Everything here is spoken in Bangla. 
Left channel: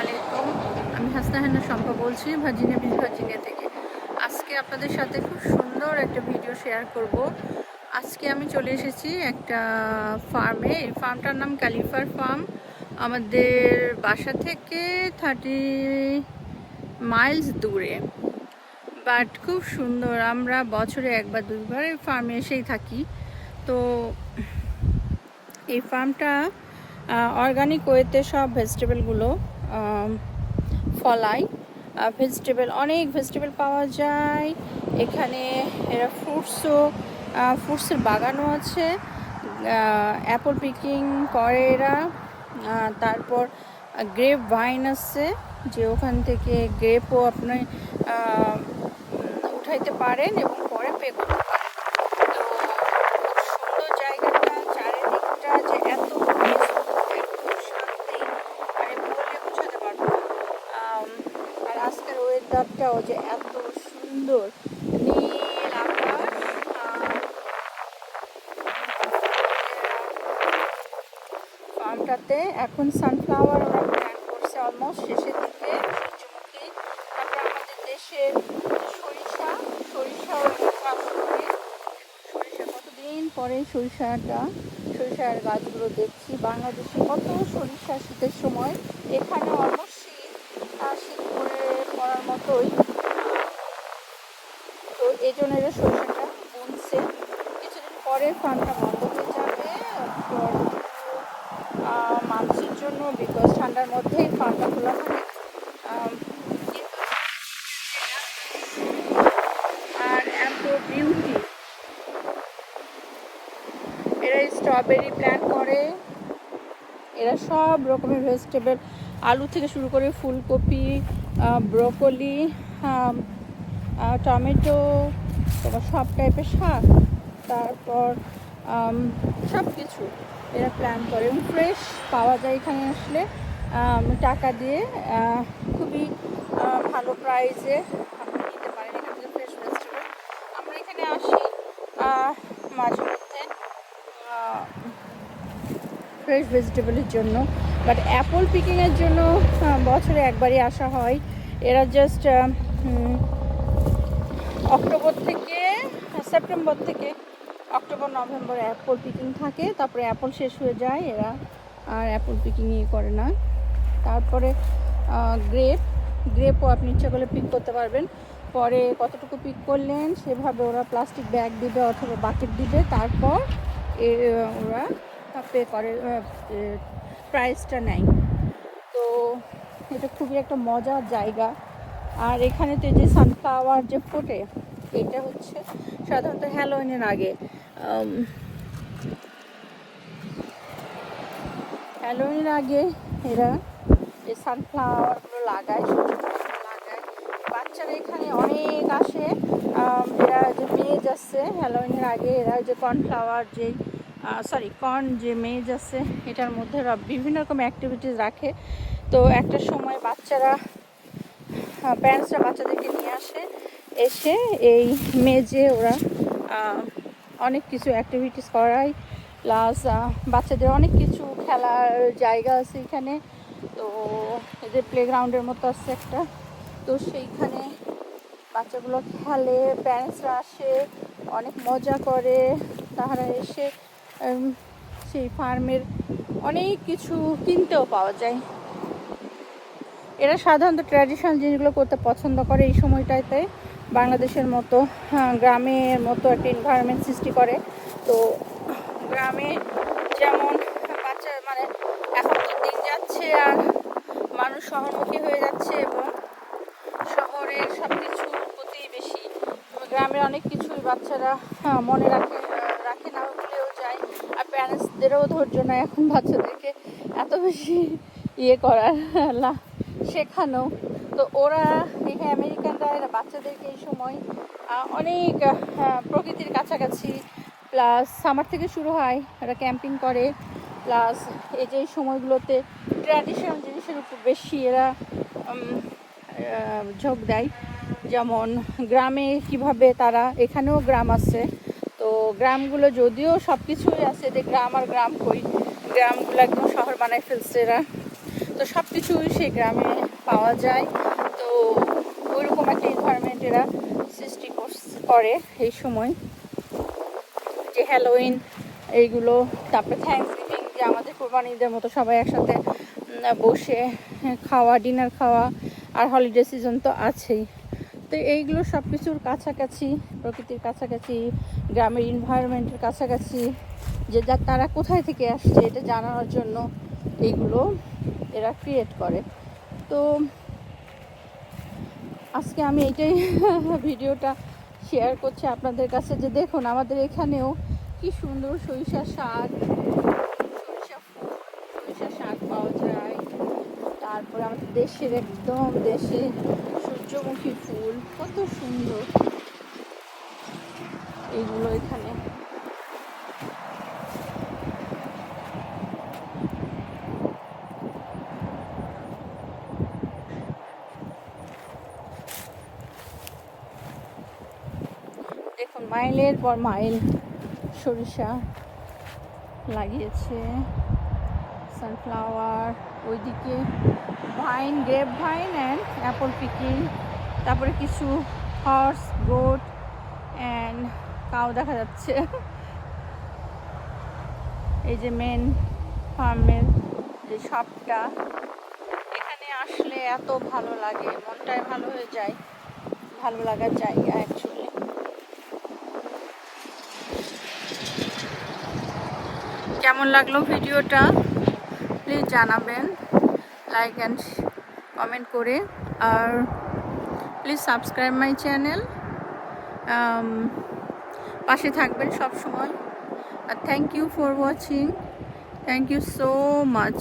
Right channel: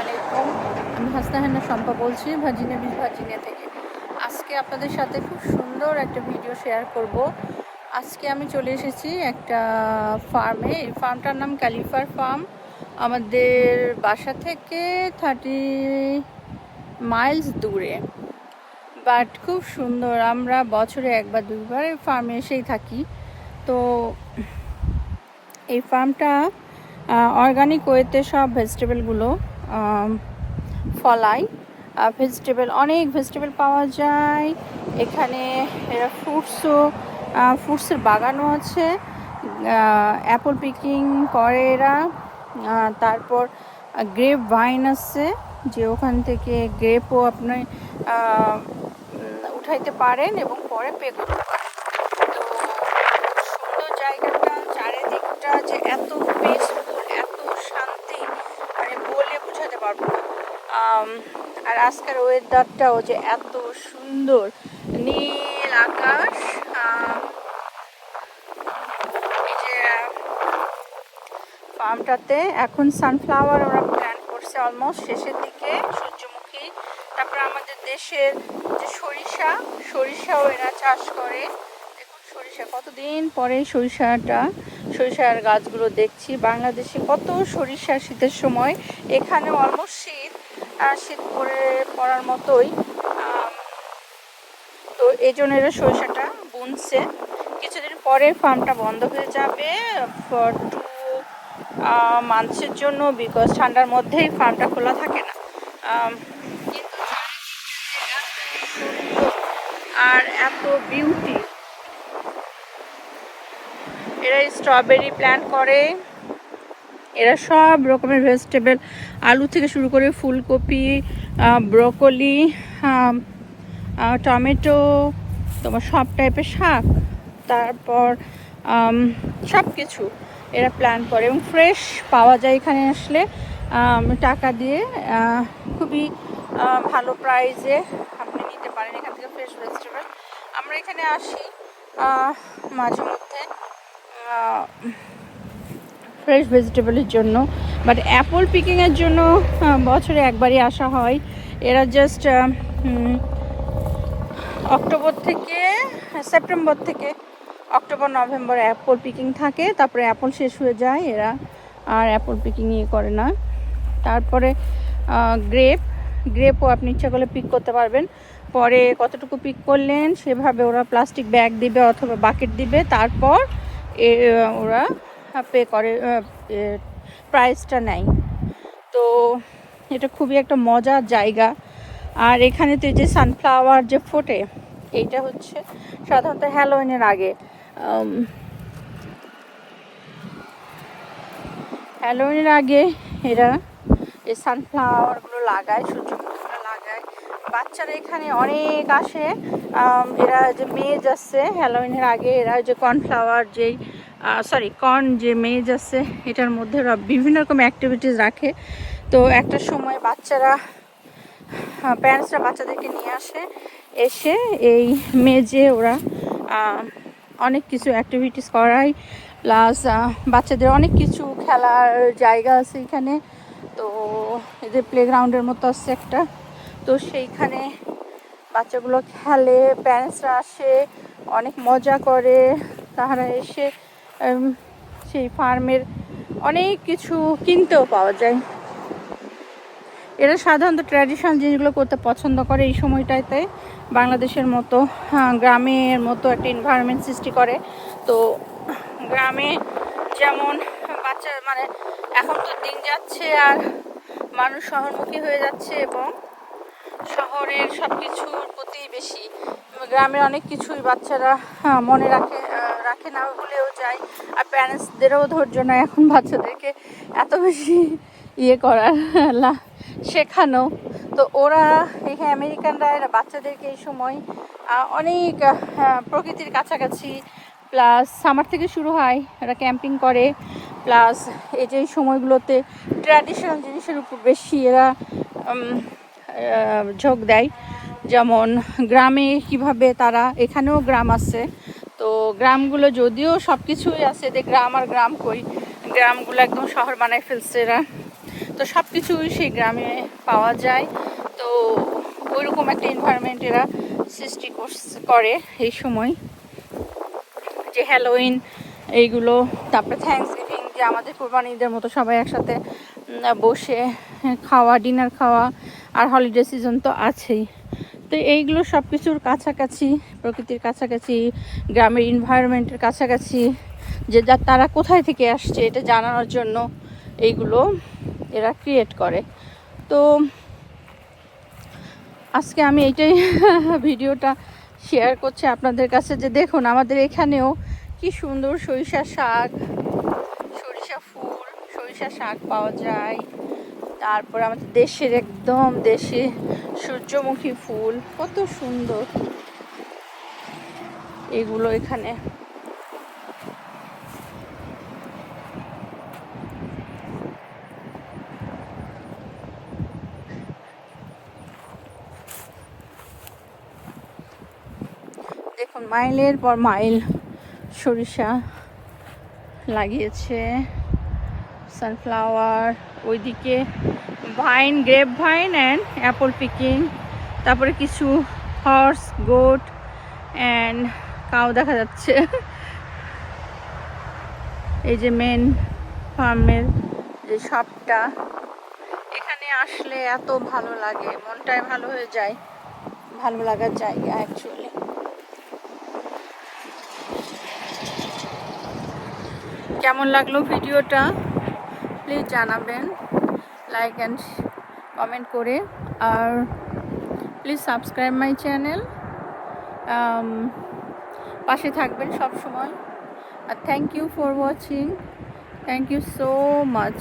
আলাইকুম। আমি হাসনাহানা শম্পা বলছি, ভার্জিনিয়া বিচ, ভার্জিনিয়া থেকে। আজকে আপনাদের সাথে খুব সুন্দর একটা ভিডিও শেয়ার করব। আজকে আমি চলে এসেছি একটা ফার্মে এই ফার্মটার নাম ক্যালিফার ফার্ম আমাদের বাসা থেকে থার্টি মাইলস দূরে। বাট খুব সুন্দর, আমরা বছরে একবার, দুইবার এই ফার্মে এসেই থাকি। তো এই ফার্মটা অর্গানিক ওয়েতে সব ভেজিটেবলগুলো ফলাই। ভেজিটেবল অনেক ভেজিটেবল পাওয়া যায়। এখানে এরা ফ্রুটসও ফ্রুটসের বাগানও আছে। অ্যাপল পিকিং করে এরা। তারপর গ্রেপ ভাইন আছে, যে ওখান থেকে গ্রেপও আপনি উঠাইতে পারেন এবং পরে পে করতে পারেন তো সুন্দর জায়গাটা চারিদিকটা যে এত পিসফুল এত শান্তি মানে বলে বোঝাতে পারব না আম, আর আজকের ওয়েদারটাও যে এত সুন্দর। নীল আকাশ ফার্মটাতে এখন সানফ্লাওয়ার ওরা প্ল্যান করছে অলমোস্ট শেষের দিকে, সূর্যমুখী। তারপরে আমাদের দেশের যে সরিষা, সরিষাও এরা চাষ করে। সরিষা, কতদিন পরে সরিষাটা, সরিষার গাছগুলো দেখছি। বাংলাদেশে কত সরিষা শীতের সময় এখানে অলমোস্ট শীত শীত পরে পড়ার মতোই। তো এই জন্য এরা সরিষাটা বুনছে। কিছুদিন পরে ফার্মটা বন্ধ হয়ে যাবে। ফর টু মান্থসের জন্য বিকজ ঠান্ডার মধ্যেই ফার্মটা খোলা থাকে না। আর এত বিউটি এরা স্ট্রবেরি প্ল্যান্ট করে। এরা সব রকমের ভেজিটেবল আলু থেকে শুরু করে ফুলকপি ব্রকলি টমেটো, তোমার সব টাইপের শাক, তারপর সব কিছু এরা প্ল্যান করে এবং ফ্রেশ পাওয়া যায় এখানে আসলে। টাকা দিয়ে খুবই ভালো প্রাইসে আপনি নিতে পারেন এখান থেকে ফ্রেশ ভেজিটেবল আমরা এখানে আসি মাঝে মধ্যে ফ্রেশ ভেজিটেবলের জন্য। বাট অ্যাপল পিকিংয়ের জন্য বছরে একবারই আসা হয়। এরা জাস্ট অক্টোবর থেকে, সেপ্টেম্বর থেকে অক্টোবর, নভেম্বর অ্যাপল পিকিং থাকে। তারপরে অ্যাপল শেষ হয়ে যায়, এরা আর অ্যাপল পিকিং ইয়ে করে না। তারপরে গ্রেপ গ্রেপও আপনি ইচ্ছা করলে পিক করতে পারবেন। পরে কতটুকু পিক করলেন, সেভাবে ওরা প্লাস্টিক ব্যাগ দিবে অথবা বাকেট দিবে। তারপর ওরা পে করে প্রাইসটা নেয়। তো এটা খুবই একটা মজার জায়গা। আর এখানে তো যে সানফ্লাওয়ার যে ফোটে, এইটা হচ্ছে সাধারণত হ্যালোইনের আগে। হ্যালোইনের আগে এরা এই সানফ্লাওয়ারগুলো লাগায়, সূর্যমুখীগুলো লাগায়। বাচ্চারা এখানে অনেক আসে। এরা যে মেজ যাচ্ছে হ্যালোইনের আগে এরা যে কর্নফ্লাওয়ার যেই সরি কর্ন যে মেজ আছে, এটার মধ্যে বিভিন্ন রকম অ্যাক্টিভিটিস রাখে। তো একটা সময় বাচ্চারা প্যারেন্টসরা বাচ্চাদেরকে নিয়ে আসে, এসে এই মেজে ওরা অনেক কিছু অ্যাক্টিভিটিস করায়। প্লাস বাচ্চাদের অনেক কিছু খেলার জায়গা আছে এখানে। তো এদের প্লেগ্রাউন্ডের মতো আছে একটা। তো সেইখানে বাচ্চাগুলো খেলে প্যারেন্টসরা আসে, অনেক মজা করে। তাহারা এসে সেই ফার্মের অনেক কিছু কিনতেও পাওয়া যায়। এরা সাধারণত ট্র্যাডিশনাল জিনিসগুলো করতে পছন্দ করে এই সময়টাতে। বাংলাদেশের মতো হ্যাঁ, গ্রামের মতো একটা এনভায়রনমেন্ট সৃষ্টি করে। তো গ্রামে যেমন বাচ্চা মানে এখন তো দিন যাচ্ছে আর মানুষ শহরমুখী হয়ে যাচ্ছে এবং শহরের সব কিছুর প্রতি বেশি গ্রামে অনেক কিছুই বাচ্চারা হ্যাঁ, মনে রাখে রাখে না। প্যারেন্টসদেরও ধৈর্য নয় এখন বাচ্চাদেরকে এত বেশি ইয়ে করার শেখানো। তো ওরা, এখানে আমেরিকানরা, এরা বাচ্চাদেরকে এই সময় অনেক প্রকৃতির কাছাকাছি, প্লাস সামার থেকে শুরু হয়, এরা ক্যাম্পিং করে, প্লাস এই যে সময়গুলোতে ট্র্যাডিশনাল জিনিসের উপর বেশি এরা ঝোঁক দেয়। যেমন গ্রামে কীভাবে তারা, এখানেও গ্রাম আছে তো গ্রামগুলো যদিও সব কিছুই আছে, যে গ্রাম আর গ্রাম কই, গ্রামগুলো একদম শহর বানায় ফেলছে এরা। তো সব কিছুই সেই গ্রামে পাওয়া যায়। তো ওইরকম একটা এনভায়রনমেন্ট এরা সৃষ্টি করে এই সময়। যে হ্যালোইন এইগুলো, তারপরে থ্যাংকস গিভিং যে আমাদের কোরবানি ঈদের মতো সবাই একসাথে বসে, খাওয়া ডিনার খাওয়া, আর হলিডে সিজন তো আছেই। তো এইগুলো সব কিছুর কাছাকাছি, প্রকৃতির কাছাকাছি, গ্রামের এনভায়রনমেন্টের কাছাকাছি, যে যা তারা কোথায় থেকে আসছে এটা জানানোর জন্য এইগুলো এরা ক্রিয়েট করে। তো আজকে আমি এইটাই ভিডিওটা শেয়ার করছি আপনাদের কাছে যে দেখুন আমাদের এখানেও কি সুন্দর সরিষা শাক, সরিষা ফুল, সরিষা শাক পাওয়া যায়। তারপর আমাদের দেশের একদম দেশে সূর্যমুখী ফুল, কত সুন্দর। এগুলো এখানে। মাইলের পর মাইল সরিষা লাগিয়েছে। সানফ্লাওয়ার ওইদিকে vine grape vine and apple picking তারপরে কিছু হর্স গোট অ্যান্ড কাউ দেখা যাচ্ছে। এই যে মেন ফার্মের যে শপটা এখানে আসলে এত ভালো লাগে, মনটাই ভালো হয়ে যায়। ভালো লাগার জায়গা অ্যাকচুয়ালি কেমন লাগল ভিডিওটা? প্লিজ জানাবেন লাইক অ্যান্ড কমেন্ট করে, আর প্লিজ সাবস্ক্রাইব মাই চ্যানেল পাশে থাকবেন সব সময় আর thank you for watching thank you so much